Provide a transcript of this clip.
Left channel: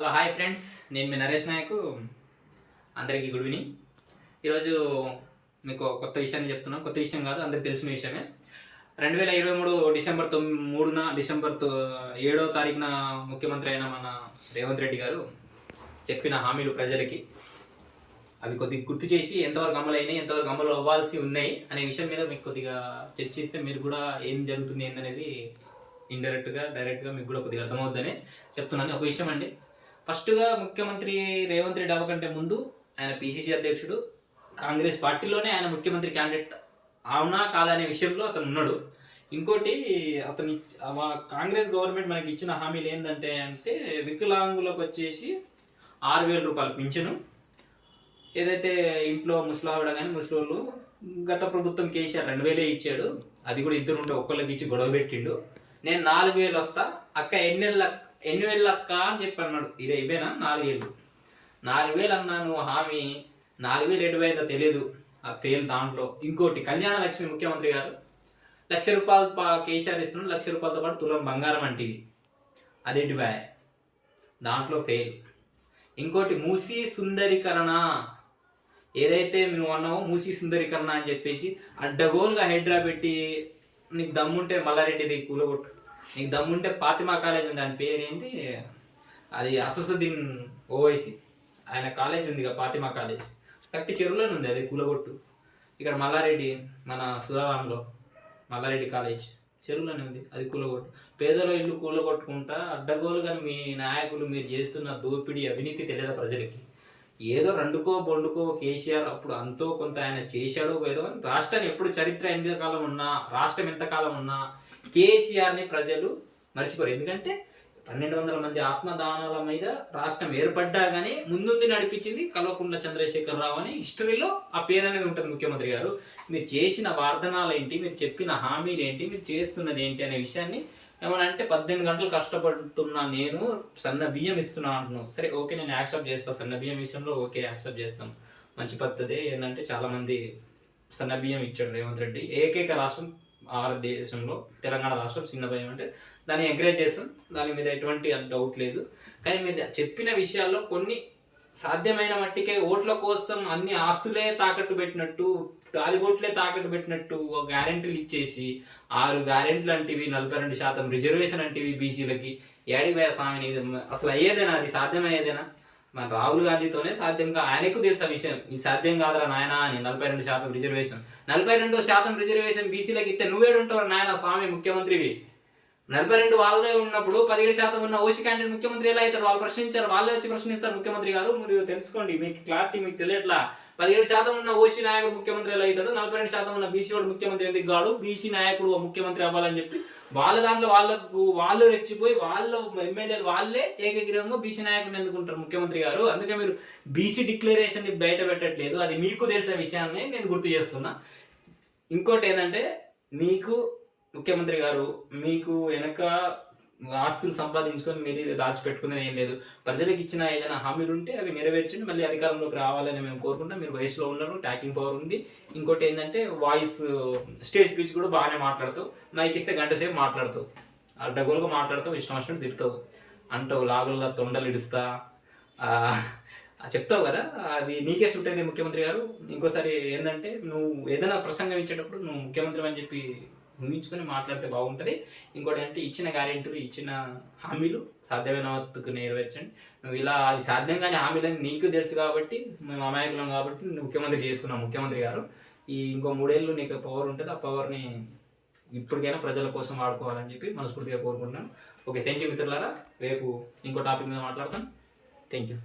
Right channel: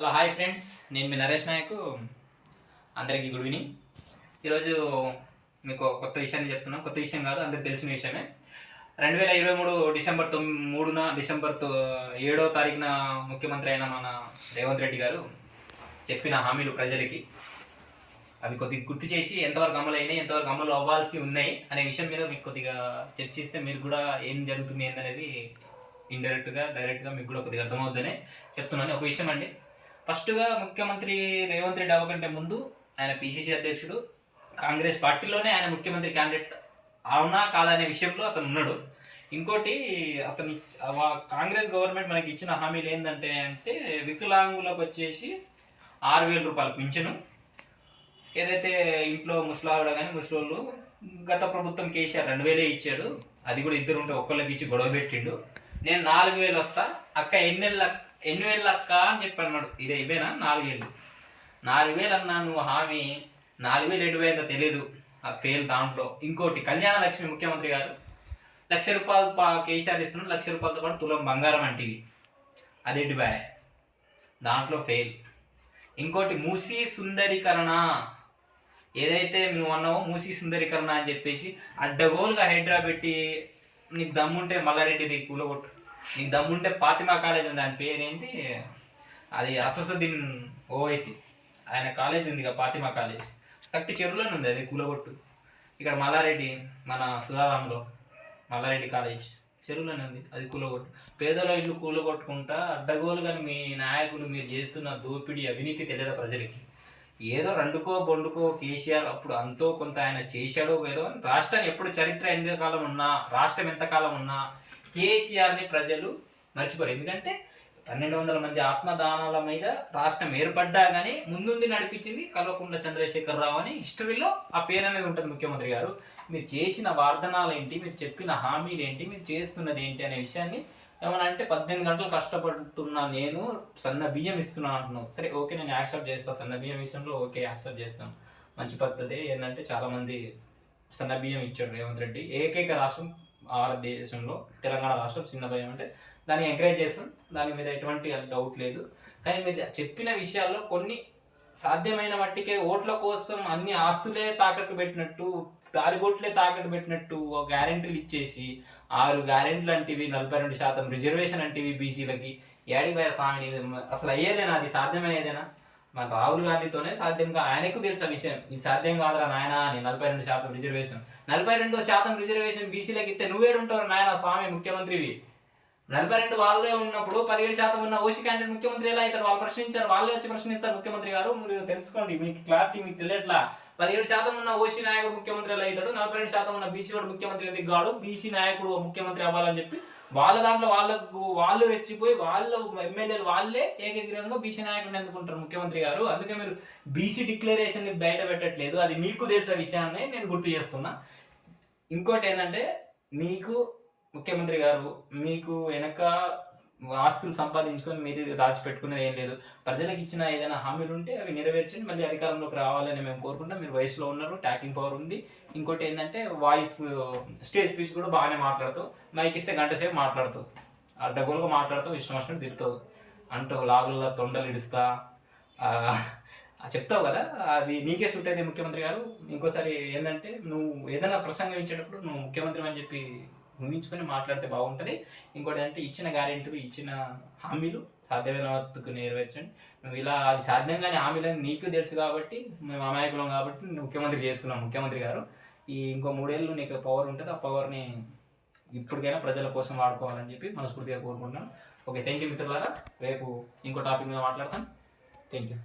Hello hi friends, నేను మీ నరేష్ నాయక్. అందరికీ good evening. ఈరోజు మీకు కొత్త విషయాన్ని చెప్తున్నాను. కొత్త విషయం కాదు, అందరికి తెలిసిన విషయమే. 2023 డిసెంబర్ 7వ తారీఖున ముఖ్యమంత్రి అయిన మన రేవంత్ రెడ్డి గారు చెప్పిన హామీలు ప్రజలకి అవి కొద్దిగా గుర్తు చేసి ఎంతవరకు అమలు అయినాయి, ఎంతవరకు అమలు అవ్వాల్సి ఉన్నాయి అనే విషయం మీద మీకు కొద్దిగా చర్చిస్తే మీరు కూడా ఏం జరుగుతుంది ఏందనేది ఇండైరెక్ట్గా డైరెక్ట్గా మీకు కూడా కొద్దిగా అర్థమవుతుందని చెప్తున్నాను. ఒక విషయం అండి, ఫస్ట్గా ముఖ్యమంత్రి రేవంత్ రెడ్డి అవ్వకంటే ముందు ఆయన పిసిసి అధ్యక్షుడు, కాంగ్రెస్ పార్టీలోనే ఆయన ముఖ్యమంత్రి క్యాండిడేట్ అవునా కాదా అనే విషయంలో అతను ఉన్నాడు. ఇంకోటి, అతని కాంగ్రెస్ గవర్నమెంట్ మనకి ఇచ్చిన హామీలు ఏంటంటే వికలాంగులకు వచ్చేసి 6,000 రూపాయలు పింఛను. ఏదైతే ఇంట్లో ముసలావిడ కానీ ముసలోళ్ళు గత ప్రభుత్వం కేసీఆర్ 2,000 ఇచ్చాడు. అది కూడా ఇద్దరు ఉంటే ఒక్కళ్ళకి ఇచ్చి గొడవ పెట్టిండు. నేను 4,000 వస్తా అక్క, ఎన్ని వేలు అక్క అని చెప్పి అన్నాడు. ఇవేనా 4,000 అన్నా నువ్వు హామీ, 4,000 ఎటువైందో తెలియదు, ఆ ఫెయిల్ దాంట్లో. ఇంకోటి, కళ్యాణ లక్ష్మి ముఖ్యమంత్రి గారు 1,00,000 రూపాయలు కేసీఆర్ ఇస్తున్నాడు, 1,00,000 రూపాయలతో పాటు తులం బంగారం అంటివి, అదేంటి బాయ్, దాంట్లో ఫెయిల్. ఇంకోటి, మూసీ సుందరీకరణ, ఏదైతే నువ్వు అన్నావో మూసీ సుందరీకరణ అని చెప్పేసి అడ్డగోలుగా హైడ్రా పెట్టి, నీకు దమ్ముంటే మల్లారెడ్డిది కూలగొట్టు, నీకు దమ్ముంటే ఫాతిమా కాలేజ్ ఉంది, దాని పేరేంటి, అది అససుద్దీన్ ఓవైసీ ఆయన కాలేజ్ ఉంది, ఫాతిమా కాలేజ్ కట్టి చెరువులోనే ఉంది, అది కూలగొట్టు. ఇక్కడ మల్లారెడ్డి మన సురారాంలో మల్లారెడ్డి కాలేజ్ చెరువులోనే ఉంది, అది కూలగొట్టు. పేదల ఇల్లు కూలగొట్టుకుంటా అడ్డగోలుగా మీ నాయకులు మీరు చేస్తున్న దోపిడీ అవినీతి తెలియదా ప్రజలకి? ఏదో రెండుకో బొండుకో కేసీఆర్ అప్పుడు అంతో కొంత ఆయన చేశాడో ఏదో. రాష్ట్రాన్ని ఎప్పుడు చరిత్ర ఎంతకాలం ఉన్నా, రాష్ట్రం ఎంతకాలం ఉన్నా కేసీఆర్ని ప్రజలు మర్చిపోరు. ఎందుకంటే 1,200 మంది ఆత్మదానాల మీద రాష్ట్రం ఏర్పడ్డా కానీ ముందుంది నడిపించింది కల్వకుంట్ల చంద్రశేఖరరావు అని హిస్టరీలో ఆ పేరు అనేది ఉంటుంది. ముఖ్యమంత్రి గారు, మీరు చేసిన వాగ్దానాలు ఏంటి, మీరు చెప్పిన హామీలు ఏంటి, మీరు చేస్తున్నది ఏంటి అనే విషయాన్ని ఏమన్నా అంటే 18 గంటలు కష్టపడుతున్నా, నేను సన్న బియ్యం ఇస్తున్నాను అంటున్నావు. సరే ఓకే, నేను యాక్సెప్ట్ చేస్తాను, సన్న బియ్యం విషయంలో ఓకే యాక్సెప్ట్ చేస్తాను, మంచి పద్ధతి. ఏంటంటే చాలామంది సన్న బియ్యం ఇచ్చాడు రేవంత్ రెడ్డి. ఏకైక రాష్ట్రం భారతదేశంలో తెలంగాణ రాష్ట్రం చిన్న భయం, అంటే దాన్ని ఎంకరేజ్ చేస్తాం, దాని మీద ఎటువంటి డౌట్ లేదు. కానీ మీరు చెప్పిన విషయాల్లో కొన్ని సాధ్యమైన మట్టికే ఓట్ల కోసం అన్ని ఆస్తులే తాకట్టు పెట్టినట్టు, తాలిబొట్లే తాకట్టు పెట్టినట్టు గ్యారెంటీలు ఇచ్చేసి 6 గ్యారెంటీలు అంటివి, 42% రిజర్వేషన్ అంటివి బీసీలకి, ఏడివే స్వామిని అసలు అయ్యేదేనా? అది సాధ్యమయ్యేదేనా? మన రాహుల్ గాంధీతోనే సాధ్యంగా, ఆయనకు తెలుసా విషయం, ఇది సాధ్యం కాదురా నాయన అని. 42% రిజర్వేషన్, 42% రిజర్వేషన్ బీసీలకు ఇస్తే నువ్వేడుంటావు నాయన స్వామి ముఖ్యమంత్రివి? 42 వాళ్ళే ఉన్నప్పుడు 17% ఉన్న ఓసీ క్యాండిడేట్ ముఖ్యమంత్రి ఎలా అవుతారు? వాళ్ళు ప్రశ్నించారు, వాళ్ళే వచ్చి ప్రశ్నిస్తారు. ముఖ్యమంత్రి గారు మీరు తెలుసుకోండి, మీకు క్లారిటీ మీకు తెలియట్లా. 17% ఉన్న ఓసీ నాయకుడు ముఖ్యమంత్రి ఎలా అవుతాడు, 42% ఉన్న బీసీ వాడు ముఖ్యమంత్రి ఎందుకు కాడు, బీసీ నాయకుడు ముఖ్యమంత్రి అవ్వాలని చెప్పి వాళ్ళ దాంట్లో వాళ్ళు రెచ్చిపోయి వాళ్ళు ఎమ్మెల్యేలు వాళ్ళే ఏకగ్రీవంగా బీసీ నాయకుడిని ఎందుకుంటారు ముఖ్యమంత్రి గారు. అందుకే మీరు బీసీ డిక్లరేషన్ని బయట పెట్టట్లేదు, అది మీకు తెలిసిన విషయాన్ని నేను గుర్తు చేస్తున్నా. ఇంకోటి ఏంటంటే, మీకు ముఖ్యమంత్రి గారు మీకు వెనక ఆస్తులు సంపాదించుకొని మీరు దాచిపెట్టుకునేది ఏం లేదు. ప్రజలకు ఇచ్చిన ఏదైనా హామీలు ఉంటే అవి నెరవేర్చండి, మళ్ళీ అధికారంలోకి రావాలని మేము కోరుకుంటాం. మీరు వయసులో ఉన్నారు, టాకింగ్ పవర్ ఉంది. ఇంకోటి ఏంటంటే, వాయిస్ స్టేజ్ స్పీచ్ కూడా బాగానే మాట్లాడుతావు, మైక్ ఇస్తే గంట సేపు మాట్లాడుతావు, అడ్డగోలుగా మాట్లాడుతావు, ఇష్టం వచ్చినట్టు తిరుగుతావు, అంటావు లాగుల్లో తొండలు ఇడుస్తా చెప్తావు కదా, అది నీకే సూట్ అయింది ముఖ్యమంత్రి గారు. ఇంకోసారి ఏంటంటే, నువ్వు ఏదైనా ప్రసంగం ఇచ్చేటప్పుడు నువ్వు ముఖ్యమంత్రి అని చెప్పి ఊహించుకొని మాట్లాడితే బాగుంటుంది. ఇంకోటి ఏంటంటే, ఇచ్చిన గ్యారెంటీలు, ఇచ్చిన హామీలు సాధ్యమైన వరకు నెరవేర్చండి. నువ్వు ఇలా అది సాధ్యం కానీ హామీలని నీకు తెలుసు కాబట్టి, మేము అమాయకులం కాబట్టి నువ్వు ముఖ్యమంత్రి చేసుకున్నాం ముఖ్యమంత్రి గారు. ఇంకో 3 ఏళ్ళు నీకు పవర్ ఉంటుంది, ఆ పవర్ని ఇప్పటికైనా ప్రజల కోసం వాడుకోవాలని చెప్పి మనస్ఫూర్తిగా కోరుకుంటున్నాను. ఓకే, థ్యాంక్ యూ మిత్రులారా. రేపు ఇంకో టాపిక్ మీద మాట్లాడతాం. Thank you.